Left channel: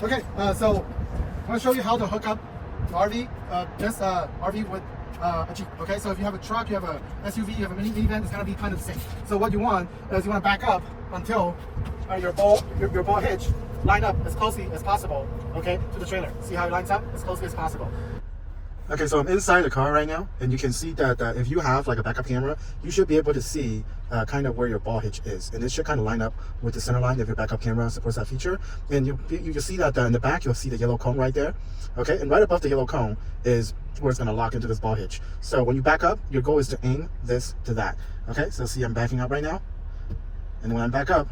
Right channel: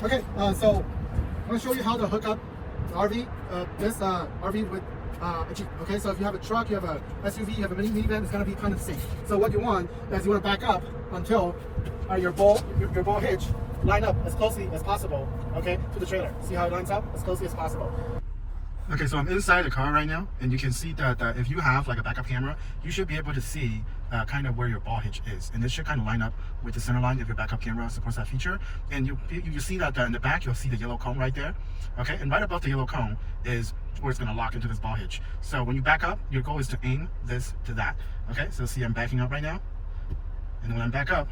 Okay, so I want to show you how to hook up the RV, this RV with a Jeep. Okay, so if you have a truck, you have a SUV, you have a minivan, it's going to be kind of the same. So what you want is you want to back up until your ball hitch line up as closely as possible, okay, to the trailer. See how it lines up as closely as possible. Okay, so I'm inside the car right now, and you can see that if you have like a backup camera, you should be able to see kind of where your ball hitch is, and this should kind of line up with the center line if your backup camera supports that feature. And you can see that in the back, you'll see the yellow cone right there. Okay, and right above the yellow cone is where it's going to lock into this ball hitch. So when you back up, your goal is to aim this to that. Okay, so see I'm backing up right now, and when I'm back up,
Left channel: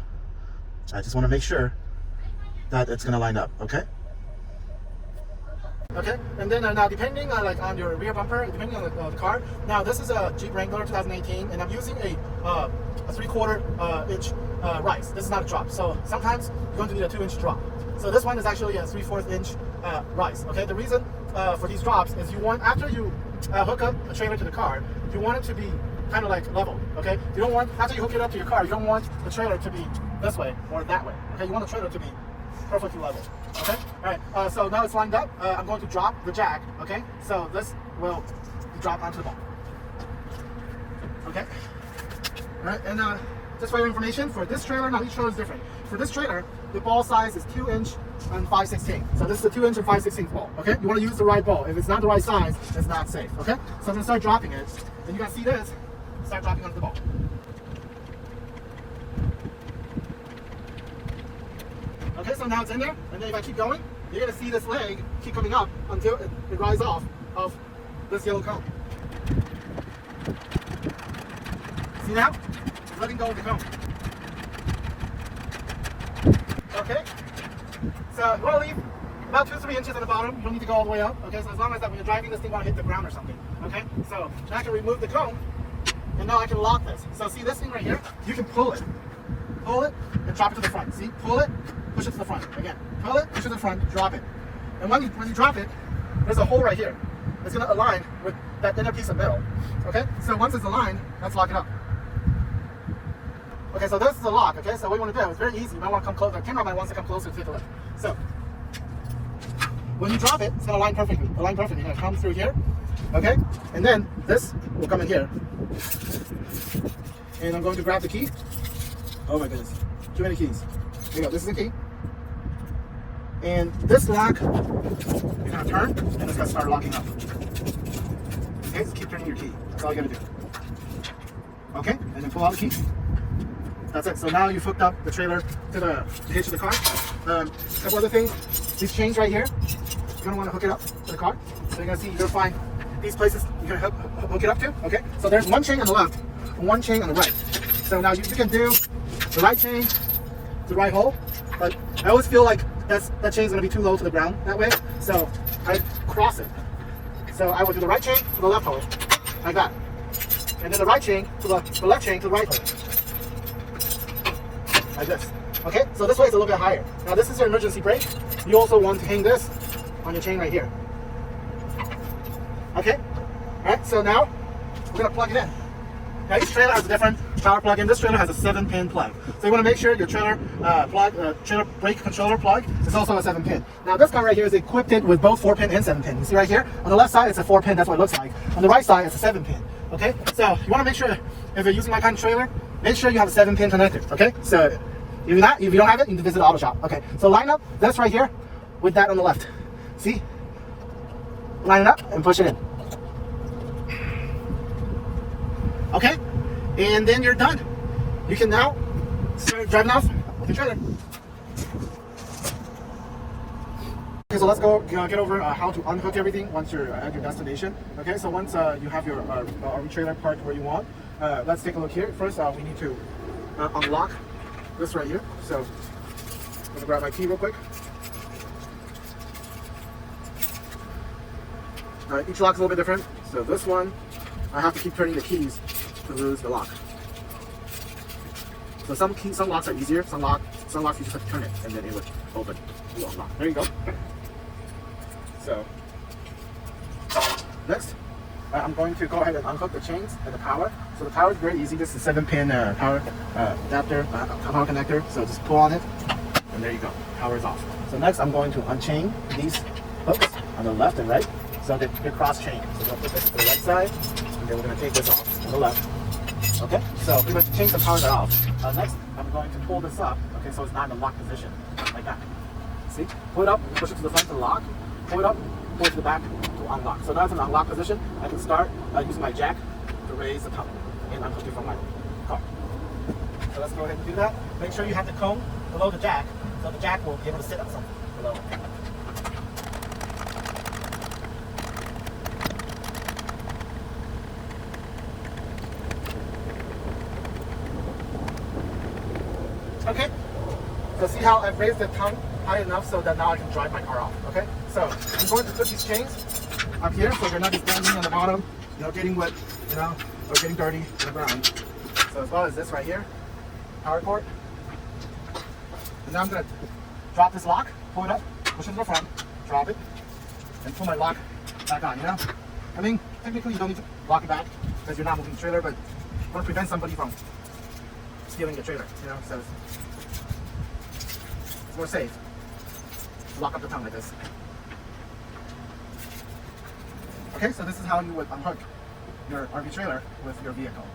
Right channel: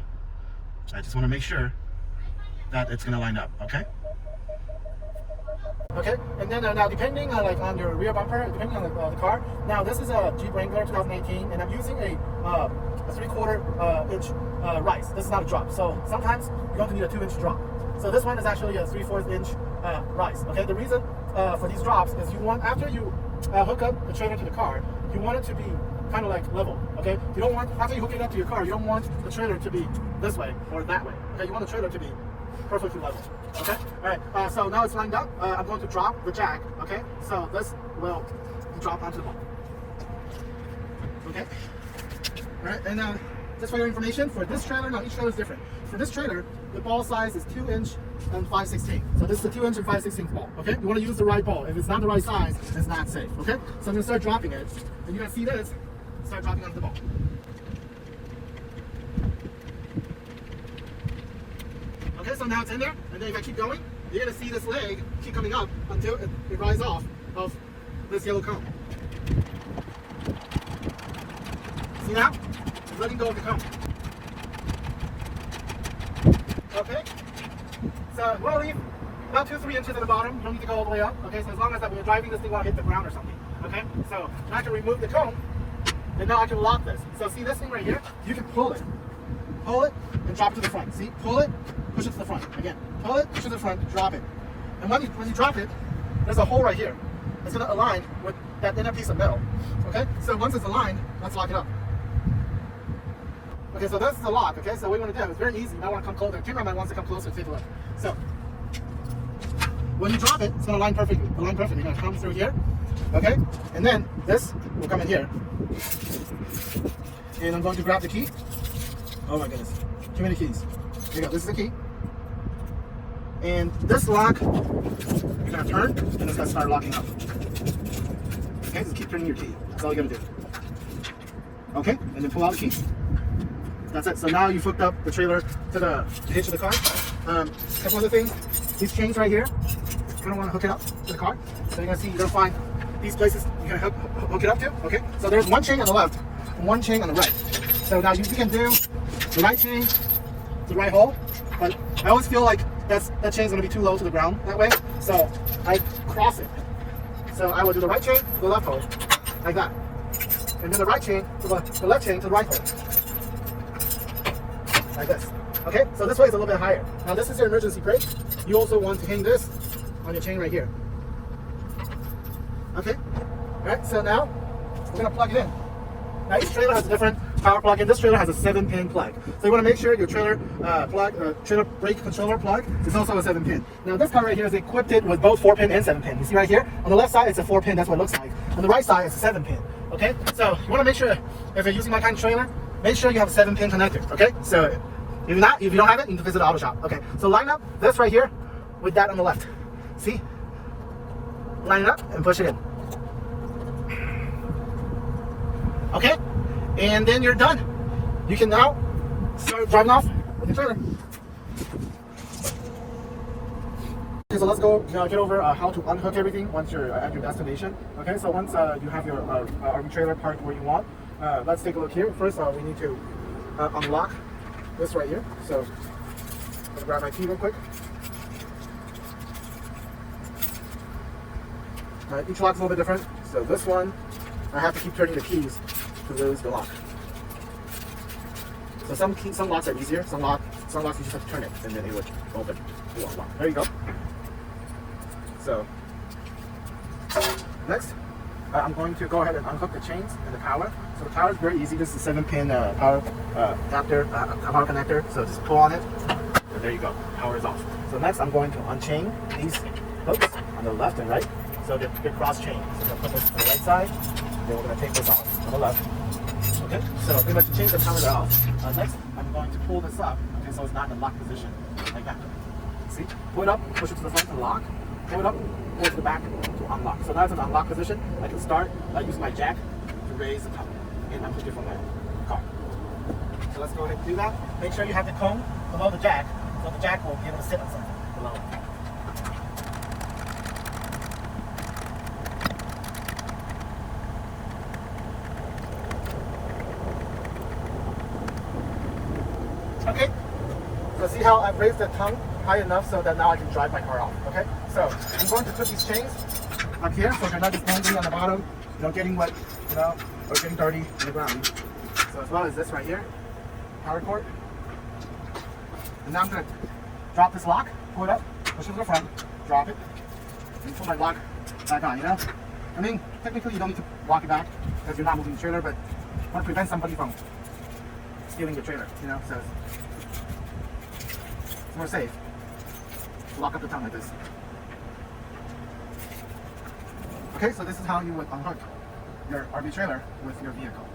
I just want to make sure that it's going to line up. Okay. Okay, and then now depending on your rear bumper, depending on the car. Now this is a Jeep Wrangler 2018, and I'm using a 3/4 inch rise. This is not a drop, so sometimes you're going to need a 2-inch drop. So this one is actually a 3/4 inch rise. Okay, the reason for these drops is you want, after you hook up the trailer to the car, you want it to be kind of like level. Okay, you don't want, after you hook it up to your car, you don't want the trailer to be this way or that way. Okay, you want the trailer to be perfectly level. Okay, all right, so now it's lined up. I'm going to drop the jack. Okay, so this will drop onto the ball. Okay, all right, and just for your information, for this trailer, now each trailer is different. For this trailer, the ball size is 2 inch and 5/16. So this is a 2 inch and 5/16 ball. Okay, you want to use the right ball. If it's not the right size, it's not safe. Okay, so I'm gonna start dropping it, and you're gonna see this start dropping onto the ball. Okay, so now it's in there, and then if I keep going, you're going to see this leg keep coming up until it rises off of this yellow cone. See now? It's letting go of the cone. Okay, so you want to leave about 2-3 inches at the bottom. You don't need to go all the way up. Okay, so as long as that when you're driving this thing, won't hit the ground or something. Okay, so now I can remove the cone, and now I can lock this. So see this thing right here? You can pull it, and drop it to the front. See, pull it, push it to the front. Again, pull it, push it to the front, drop it. And when you drop it, there's a hole right here. It's going to align with that inner piece of metal. Okay, so once it's aligned, let's lock it up. Okay, so this is the lock. Okay, so what you want to do is very easy. You might want to come closer. The cameraman wants to come closer to take a look. So when you drop it, it's going to align perfectly. Align perfectly. You're going to come through here. Okay, and then this will come in here. And I'm going to grab the key. Oh my goodness, too many keys. Here you go, this is the key. And this lock, you're gonna turn, and it's gonna start locking up. Okay, just keep turning your key. That's all you gotta do. Okay, and then pull out the key. That's it, so now you've hooked up the trailer to the hitch of the car. Couple other things, these chains right here, you're gonna wanna hook it up to the car. So you're gonna find these places you're gonna hook it up to, okay? So there's one chain on the left, one chain on the right. So now you can do the right chain to the right hole, but I always feel like that chain's gonna be too low to the ground that way, so I cross it. So I will do the right chain to the left hole, like that, and then the right chain to the left chain to the right hole, like this. Okay, so this way it's a little bit higher. Now this is your emergency brake. You also want to hang this on your chain right here. Okay, all right. So now we're gonna plug it in. Now each trailer has a different power plug in. This trailer has a 7-pin plug. So you want to make sure your trailer trailer brake controller plug is also a 7-pin. Now this car right here is equipped with both 4-pin and 7-pin. You see right here? On the left side it's a 4-pin, that's what it looks like. On the right side it's a 7-pin. Okay? So you want to make sure, if you're using that kind of trailer, make sure you have a 7-pin connector. Okay? So if you don't have it, you need to visit the auto shop. Okay, so line up this right here with that on the left. See? Line it up and push it in. Okay, and then you're done. You can now start driving off with your trailer. Okay, so let's go get over how to unhook everything once you're at your destination. Okay, so once you have your RV trailer parked where you want, let's take a look here. First, we need to unlock this right here. So I'm gonna grab my key real quick. Each lock's a little bit different. So this one, I have to keep turning the keys to lose the lock. So some locks are easier. Some locks you just have to turn it and then it would open to unlock. There you go. So next, I'm going to go ahead and unhook the chains and the power. So the power is very easy. This is a 7-pin power adapter, power connector. So just pull on it And there you go, power is off. So next I'm going to unchain these hooks on the left and right so they're cross-chained. So I'm going to put this to the right side, and then we're going to take this off to the left. Okay, so pretty much chains and powers are off. Next, I'm going to pull this up, okay, so it's not in the lock position, like that. See? Pull it up, push it to the front to lock, pull it up, pull it to the back to unlock. So now it's in the unlock position. I can start using my jack to raise the tongue. Okay, I'm pushing from my car. So let's go ahead and do that. Make sure you have the cone below the jack, so the jack will be able to sit on something below it. Okay, so see how I've raised the tongue high enough so that now I can drive my car off, okay? So I'm going to put these chains up here so they're not just dangling on the bottom, getting wet, or getting dirty to the ground. So as well as this right here, power cord. And now I'm going to drop this lock, pull it up, push it to the front, drop it, and pull my lock back on, I mean, technically you don't need to lock it back because you're not moving the trailer, but you want to prevent somebody from stealing your trailer, so it's more safe to lock up the tongue like this. Okay, so this is how you would unhook your RV trailer with your vehicle.